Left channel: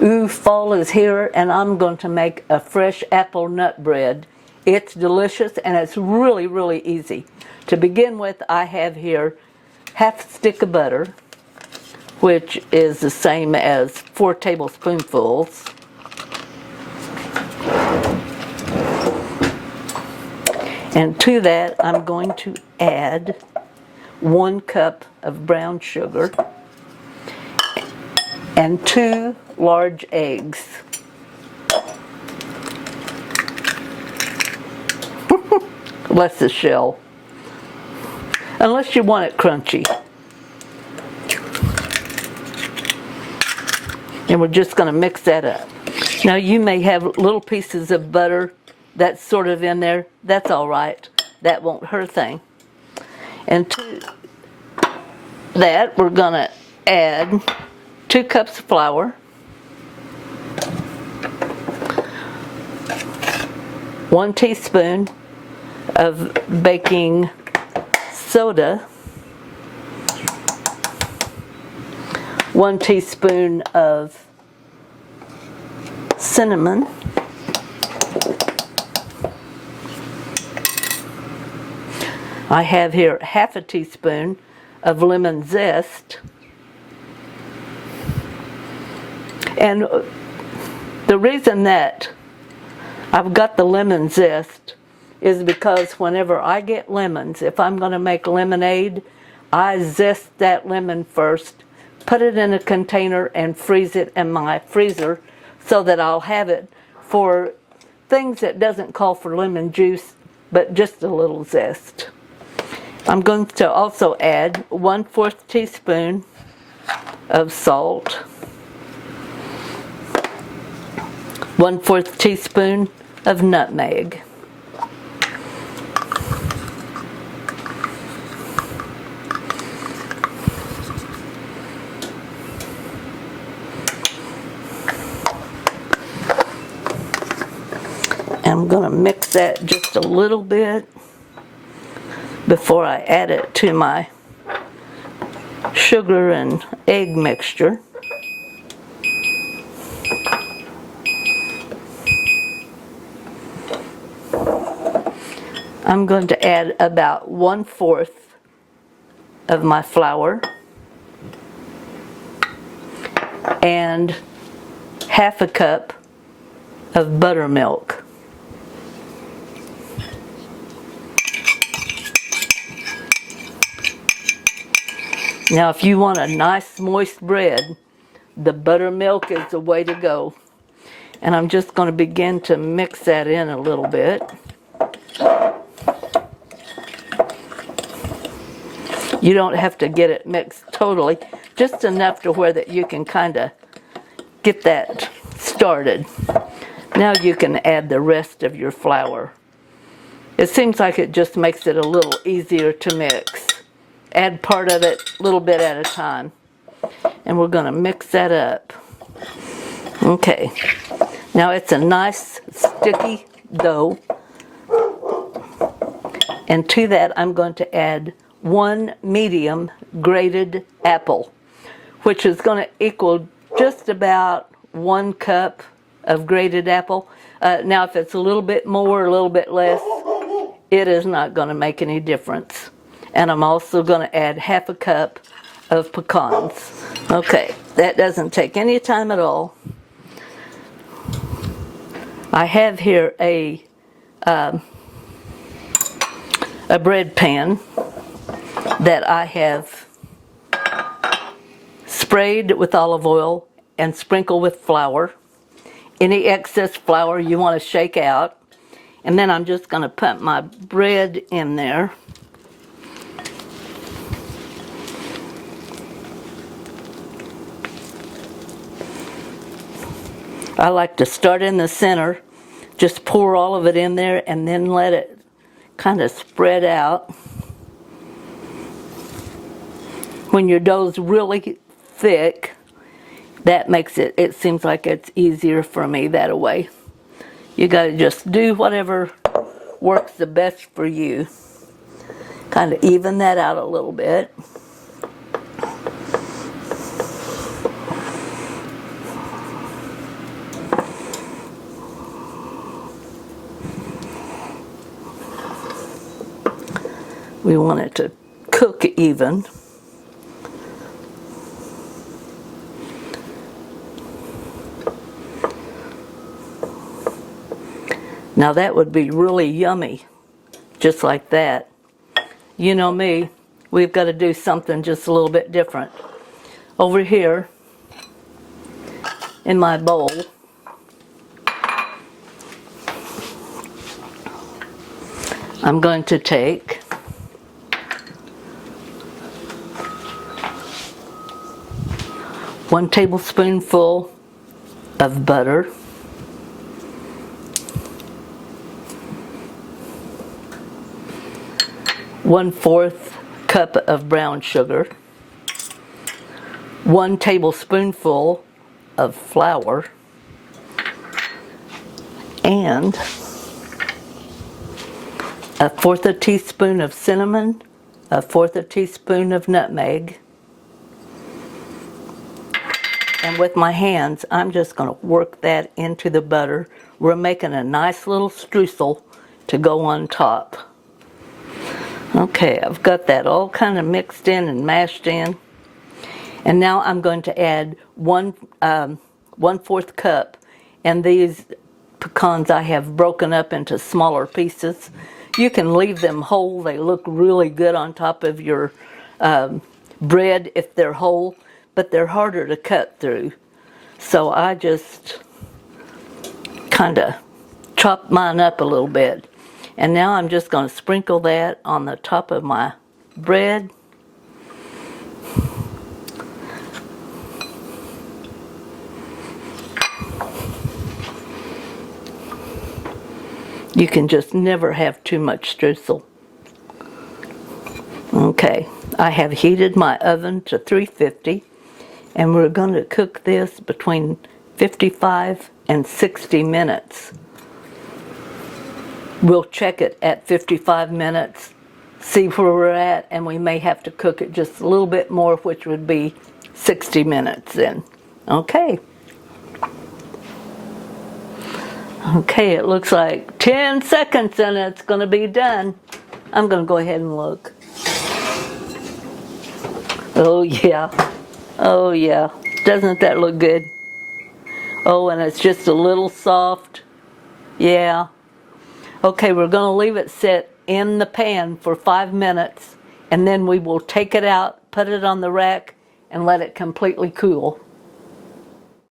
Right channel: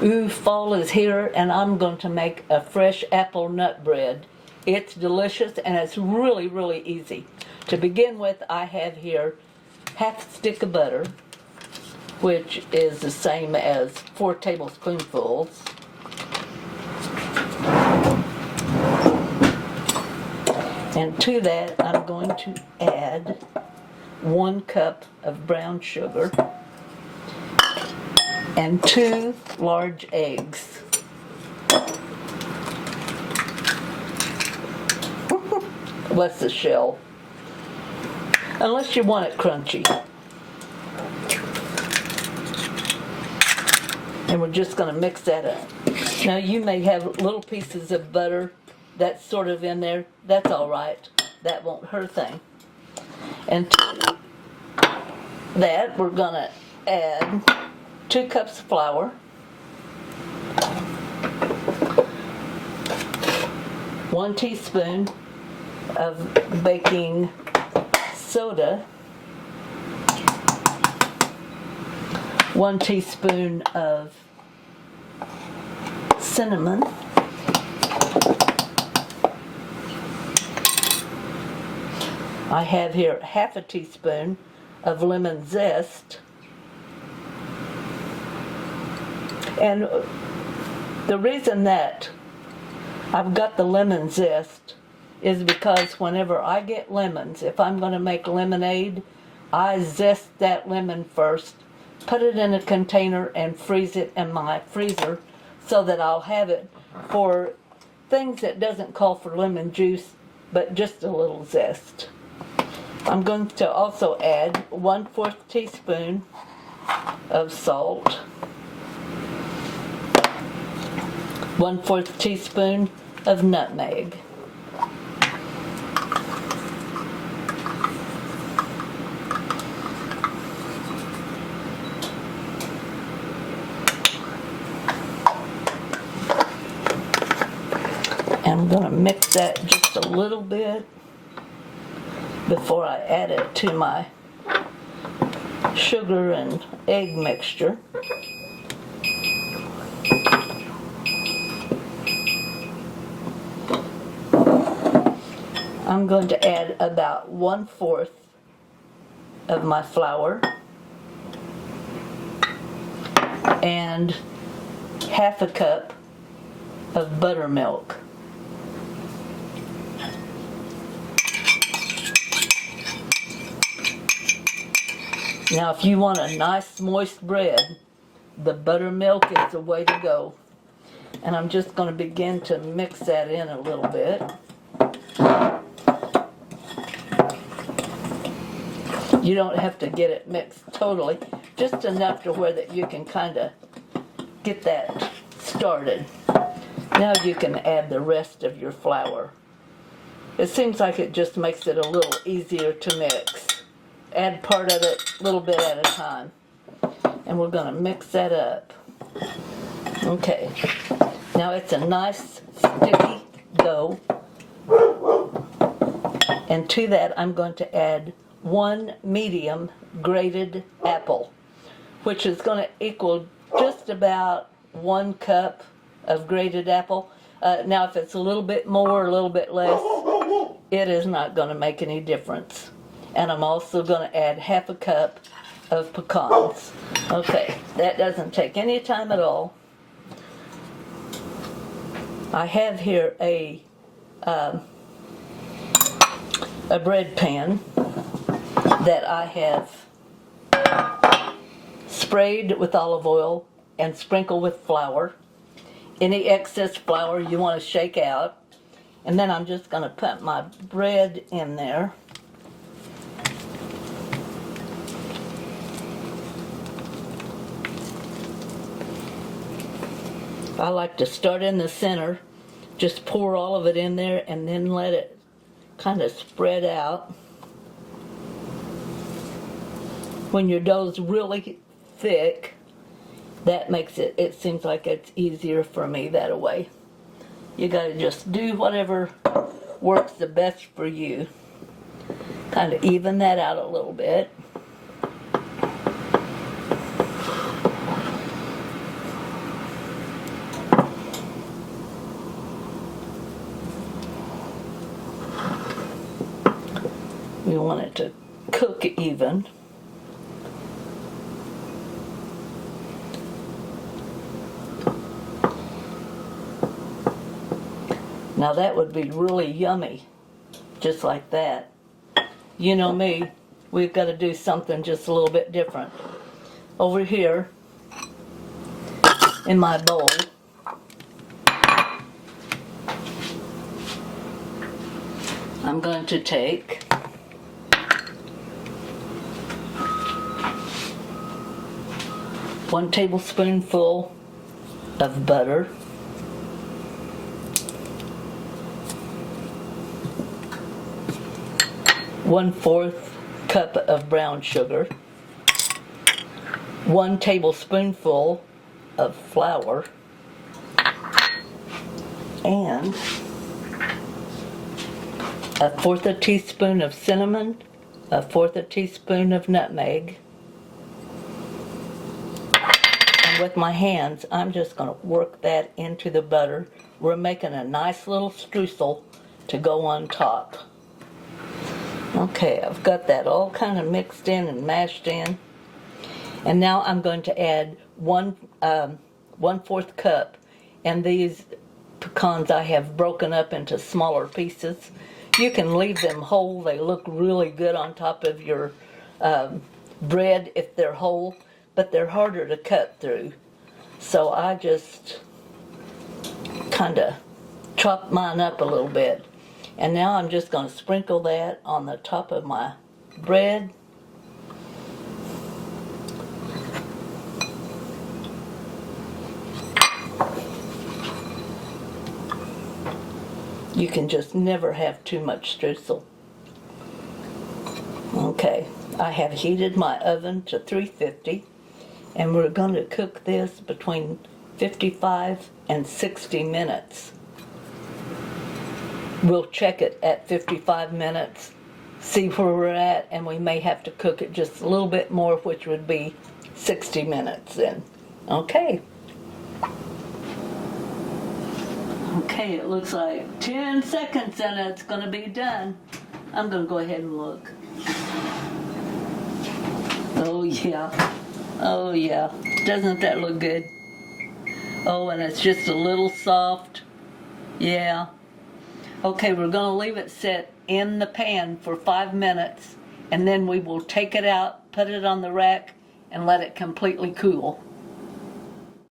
Ooh, fall is here, and I'm going to make a fresh apple nut bread. It's delicious, and it's really, really easy. To begin with, I have here half a stick of butter, which is the same as 4 tablespoonfuls. And to that, I'm going to add 1 cup of brown sugar and 2 large eggs. Less the shell, unless you want it crunchy. And we're just going to mix that up. Now you may have little pieces of butter that's sort of in there. That's all right. That won't hurt a thing. And to that, we're going to add 2 cups of flour, 1 teaspoon of baking soda, 1 teaspoon of cinnamon, I have here half a teaspoon of lemon zest, and the reason that I've got the lemon zest is because whenever I get lemons, if I'm going to make lemonade, I zest that lemon first, put it in a container, and freeze it in my freezer so that I'll have it for things that doesn't call for lemon juice, but just a little zest. I'm going to also add 1/4 teaspoon of salt, 1/4 teaspoon of nutmeg, I'm going to mix that just a little bit before I add it to my sugar and egg mixture. I'm going to add about 1/4 of my flour and half a cup of buttermilk. Now, if you want a nice moist bread, the buttermilk is the way to go. And I'm just going to begin to mix that in a little bit. You don't have to get it mixed totally, just enough to where that you can kind of get that started. Now you can add the rest of your flour. It seems like it just makes it a little easier to mix. Add part of it a little bit at a time. And we're going to mix that up. Okay. Now it's a nice sticky dough. And to that I'm going to add 1 medium grated apple, which is going to equal just about 1 cup of grated apple. Now if it's a little bit more or a little bit less, it is not going to make any difference. And I'm also going to add half a cup of pecans. Okay, that doesn't take any time at all. I have here a bread pan that I have sprayed with olive oil and sprinkled with flour. Any excess flour you want to shake out. And then I'm just going to put my bread in there. I like to start in the center, just pour all of it in there and then let it kind of spread out. When your dough's really thick, that makes it seems like it's easier for me that way. You gotta just do whatever works the best for you. Kind of even that out a little bit. We want it to cook even. Now that would be really yummy, just like that. You know me, we've got to do something just a little bit different. Over here in my bowl, I'm going to take one tablespoonful of butter, 1/4 cup of brown sugar, 1 tablespoonful of flour, and 1/4 teaspoon of cinnamon, 1/4 teaspoon of nutmeg. And with my hands, I'm just going to work that into the butter. We're making a nice little streusel to go on top. Okay, I've got that all kind of mixed in and mashed in. And now I'm going to add 1/4 cup. And these pecans I have broken up into smaller pieces. You can leave them whole. They look really good on top of your bread if they're whole, but they're harder to cut through. So I just kind of chop mine up a little bit. And now I'm just going to sprinkle that on the top of my bread. You can just never have too much streusel. Okay, I have heated my oven to 350, and we're going to cook this between 55 and 60 minutes. We'll check it at 55 minutes, see where we're at, and we may have to cook it just a little bit more, which would be 60 minutes then. Okay. Okay, it looks like 10 seconds and it's going to be done. I'm going to go ahead and look. Oh yeah. Oh yeah. Doesn't that look good? Oh, and it's just a little soft. Yeah. Okay, we're going to leave it sit in the pan for 5 minutes, and then we will take it out, put it on the rack, and let it completely cool.